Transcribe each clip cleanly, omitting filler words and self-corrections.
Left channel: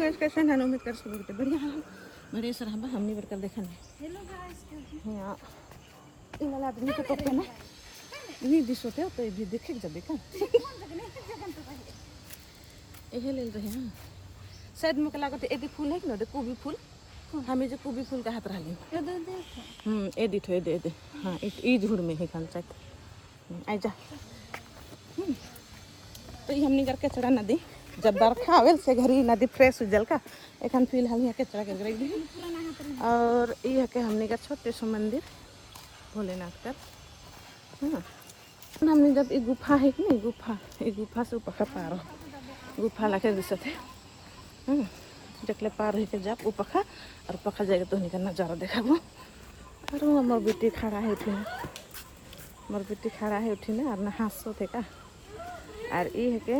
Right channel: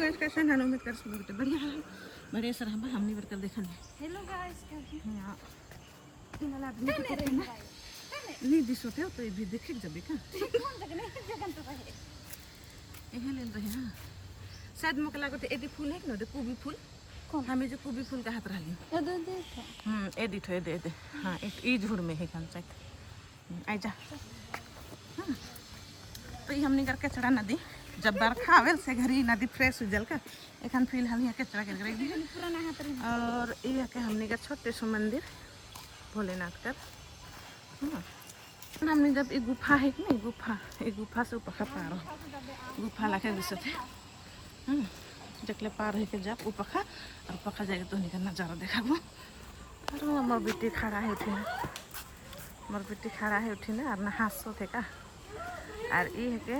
guys कैसे हैं उम्मीद कर सब लोग बढ़िया है बड़े सर हम हमने बरकर देखा नहीं हेलो गाइस हां इन वाला आदमी को पता ना नहीं दिस होते तो ये भी देखे जब का ये ले रहे हैं शायद मुझे लगा तो एदी फूल है कि ना कोबी फूल हमें जो कोबी फूल का हाथ रही एदी ठो दे दे हां ई झुड़ में है कंचाक आई जा तो ये हमने करके चढ़ा नदी जब बरखा आवेल से घरी नदी फ्रेश जल का एखन फिलहाल यहाँ के चढ़ा के रख दी और ये के हमने का छोटे सो मंदिर भोलेनाथ का हमने जब एक गुफा है कि नहीं गुफा से ऊपर पार गुफा लाके दिशा थे जकले पार हो के जब ऊपर और पखा जाएगा तो नहीं का नज़ारा देखा वो और मोर बेटी खड़ा है उठी मोर बेटी खड़ा है उठी ना और नहा सो थे का और ये है के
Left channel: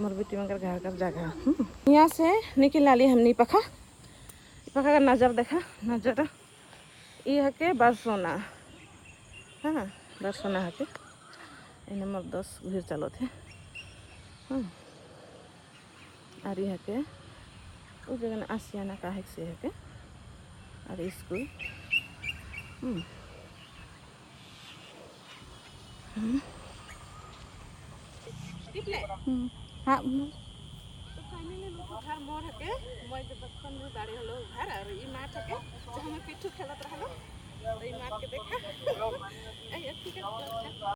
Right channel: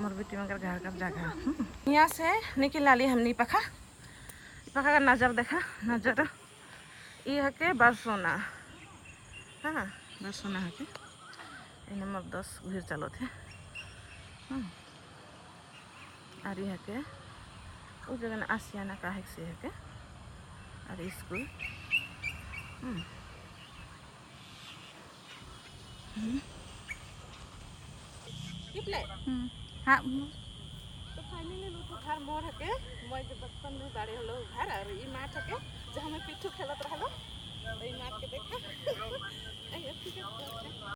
मोर बेटी मगर घर का जगह यहाँ से निकल ली हमने पखा का नज़र देखा नज़र ये है के बरसोना हाँ बरसोना है के नंबर 10 घूर चलो थे और ये है के उस जगह ना आसियाना का है से है के और स्कूल हाँ तो फाइनली लोग घर मोर हके मैं जब बचपन में बाड़े हलो घर और ई माठ हके जहाँ मैं पिट्ठू खेलत रहलो तो ई माठ के देखा